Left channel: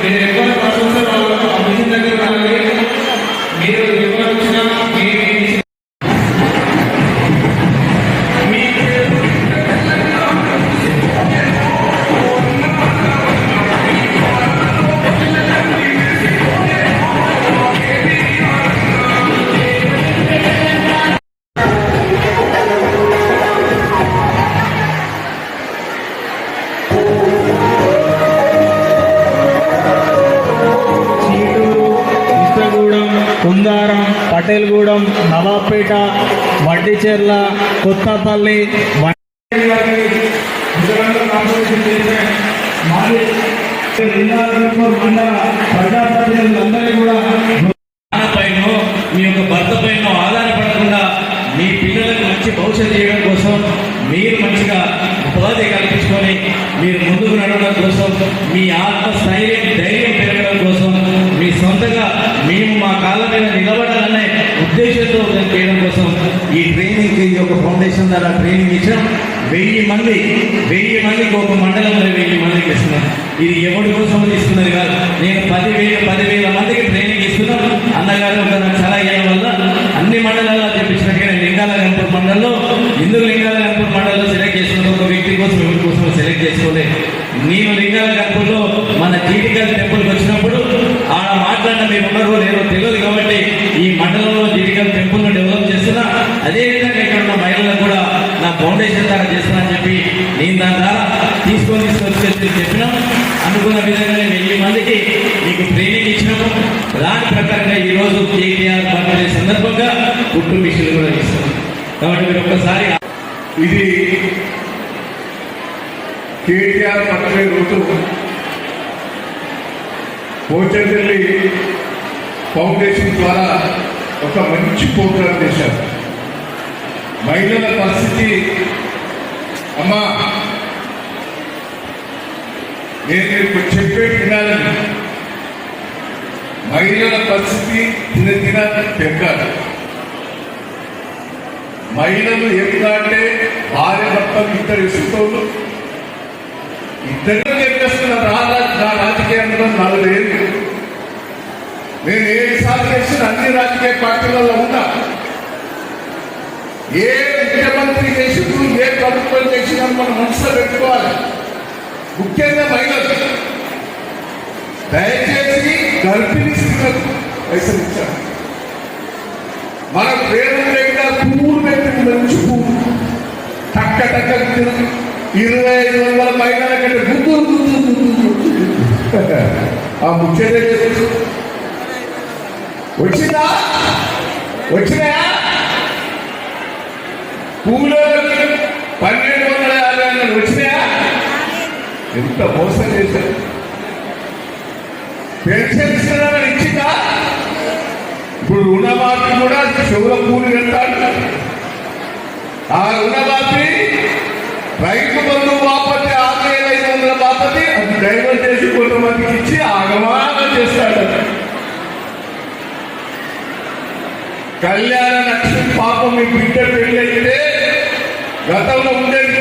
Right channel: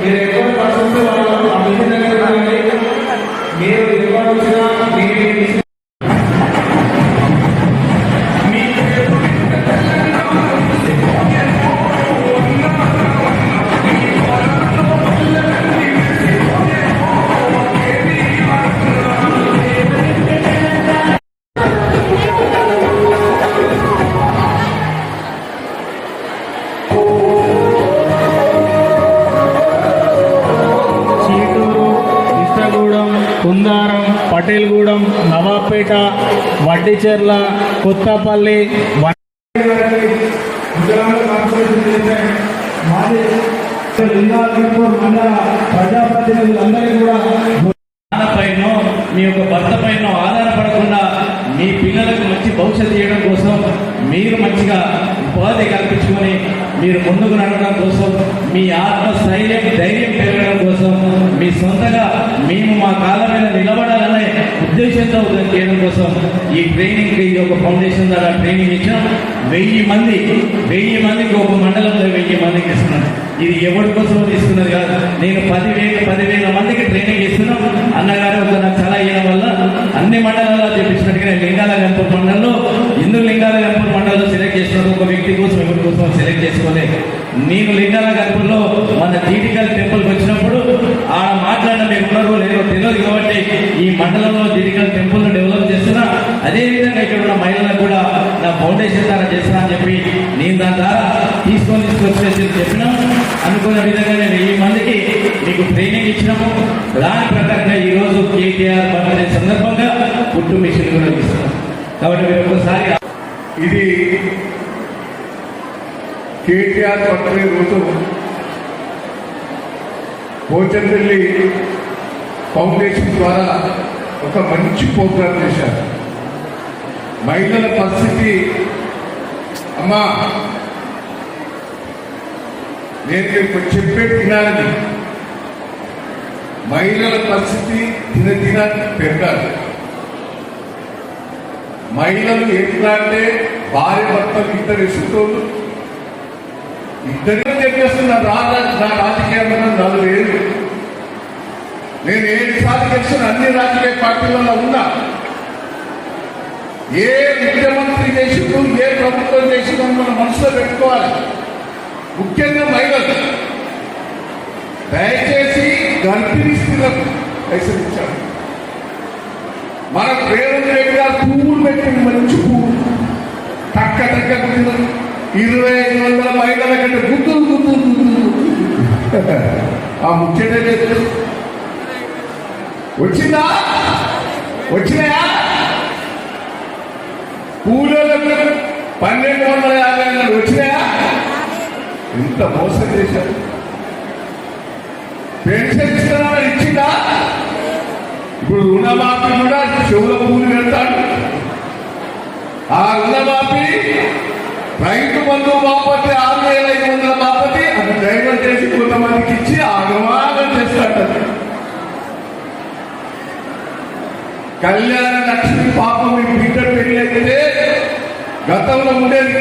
మీరు ఎక్కువ ప్రశంసలు దగ్గర మీరు ఎక్కువ కుందారం, పటేల్గూడెం, నవాబ్పేట, వడ్డిచెర్ల, కొత్తపల్లి ప్రజాప్రతినిధులందరికీ కూడా పైన మీ యొక్క భర్త పైన ఆధారపడకుండా మీ పిల్లలకు మంచి భవిష్యత్తు చేయడం కోసం మీరు మంచిగా ఉపాధి కల్పించుకొని మీరు ముందుకు నడవడం కోసం మీ ఆత్మస్థైర్యం ధైర్యం పెరగడం కోసం మీ సొంతగా మేము మా కాళ్ళ మీద నిలబడాలనే ఉద్దేశంతో చేయడం కోసం ఈ ట్రైనింగ్కి ఒక ఫౌండేషన్ ద్వారా ట్రైనింగ్ ఇచ్చాం. 1000 మందికి ఒక మండలంలో 1000 మందికి ఇస్తున్నాను. ఇది ఎవరి కోసం తీసుకున్నది కాదు. నేను 10,000 మందికి ట్రైనింగ్ ఇస్తున్నాను. అన్నగారు ఒక నాకు చాలా అయ్యడం వల్ల అన్ని మండలాల్లో తెప్పించినట్టుగా లింగాల గంపూర్ మండలంలో లింగాల గంపూర్ మండలంలో సెలెక్ట్ చేసుకున్న ఒక వ్యక్తి కోసం ఎవరి కోసం సెలెక్ట్ చేసుకోలే. నేను లింగాల గంపూర్లో మన జీడికాల టెంపుల్కి వచ్చినప్పుడు ఆడ మాట్లాడిన మీరు ఉన్నారో లేదో తెలియదు కాబట్టి ఈ మండలంలో జీడికాల టెంపుల్ డెవలప్ చేస్తున్నా. అదేవిధంగా ఇక్కడ ఉన్న మహిళలకు కూడా నా ఫౌండేషన్ ద్వారా చేస్తున్నా అని చెప్పి నేను దాని ద్వారా తీసుకొచ్చి చెప్పినాం. అనుకున్న విధంగానే 1000 మందికి మీకు ట్రైనింగ్ ఇచ్చినాము. దాని ప్రకారంగా ఈరోజు కేటీఆర్ బర్త్డే సందర్భంగా కుట్టు మిషన్ కూడా ఇస్తున్నాం. కాబట్టి మీరు ఒక్కసారి ఇది కేటీఆర్ బర్త్డే రోజు పోచంపల్లి ఫౌండేషన్ ద్వారా ఒక మంచి ప్రోగ్రాం చేశారు. మహిళల పరిస్థితి అమ్మా నేను చెప్పే వినాలని, మహిళల పరిస్థితి దినదిన పెరగాలి. మహిళలు ఎట్లా అంటే భార్య భర్త ఇద్దరు ఇస్తున్నారు, ఇద్దరు చెప్పేస్తున్నారు. నా రాజకీయాల్లో 4 ఏళ్ళు నేను 7 సార్లు గెలిచిన అన్ని రాజకీయ పార్టీలలో ఉన్నా. ఏ ముఖ్యమంత్రి చేసినప్పుడు ఏ ప్రభుత్వం చేసినా మనం మనసులో పెట్టుకోవాలి. ముఖ్యంగా మహిళలు దయచేసి గర్భిణీ స్త్రీలకు హెచ్చరించాలి. మన పేరు దగ్గర పువ్వులు పెట్టి మంచి పువ్వు టక్క టక్క 2500 మహిళల కంటే గుర్తు ఆ ముఖ్యత వచ్చినాయా పూలు 1250 వచ్చినాయా? ఎంత మోసం చేశారు. పెన్షన్ ఇచ్చిందా? ఇప్పుడు రుణమాఫీ కూడా చెవుల పూలు పెడతాడు. ఆ రుణమాఫీ రైతు బంధు బాపతి 6500 బాపతి అది డైవర్ట్ చేసి కొంతమందికి ఇచ్చి ఆగమానం చేస్తాడు. కళ్యాణ లక్ష్మి పాపం మీ బిడ్డ పెళ్లి అయితే గతంలో ఉండేది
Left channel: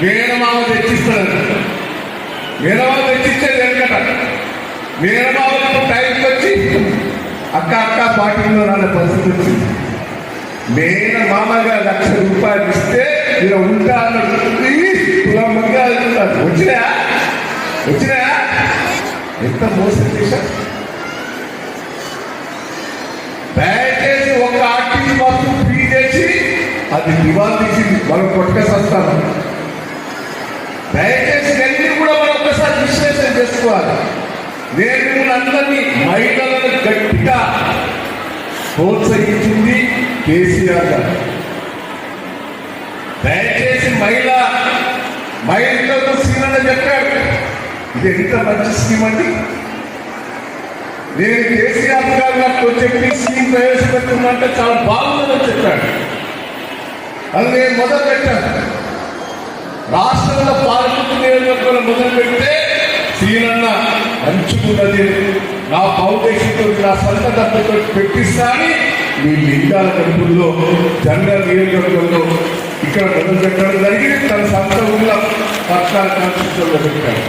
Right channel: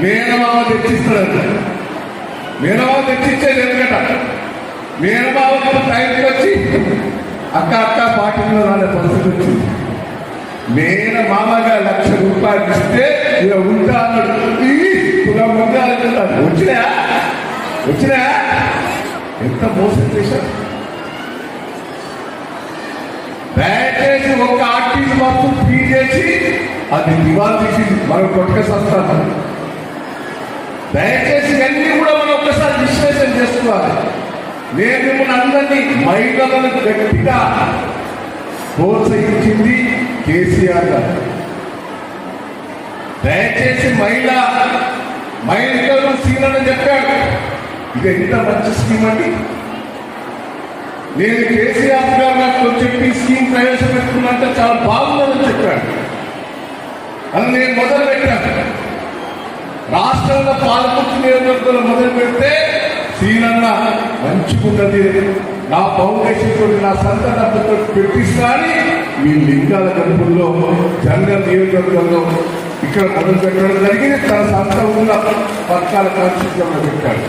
మేనమామ తెచ్చిస్తాడు. మేనమామ తెచ్చిచ్చేది ఏంటంట, మేనమామ టైంకి వచ్చి అక్క పార్టీలో నాన్న పరిస్థితి వచ్చింది. మేనమామగా 1,00,000 రూపాయలు ఇస్తే ఇలా ఉంటా వచ్చినాయా? ఎంత మోసం చేశారు. దయచేసి ఒక ఆర్టీసీ బస్సు ఫ్రీ చేసి అది నివారించింది మనం కొట్టేసేస్తాను. దయచేసి అన్ని కూడా మనం ఒక్కసారి విశ్లేషణ చేసుకోవాలి. నేను మిమ్మల్ని అందరినీ మహిళలను గట్టిగా ప్రోత్సహించింది కేసీఆర్ గారు. దయచేసి మహిళతో సీనని చెప్పాడు. ఇది ఎంత మంచి స్కీమ్ అండి. నేను కేసీఆర్ గారు నాకు చెప్పి స్కీమ్ ప్రవేశపెడుతున్నంటే చాలా బాగుందని చెప్పాడు. అది నేను మొదలు పెట్టాను. రాష్ట్రంలో పాలకులు నియోజకవర్గంలో మొదలు పెడితే శ్రీనన్న మంచుకున్నది నా ఫౌండేషన్ నా సొంత డబ్బుతో పెట్టిస్తా అని ఈ లింగాల గడుపుల్లో జనరల్ నియోజకవర్గంలో ఇక్కడ మొదలు పెట్టడం జరిగింది. తన సంస్థ ఉన్న పథకాల కాన్స్టిట్యూషన్లో పెట్టాడు.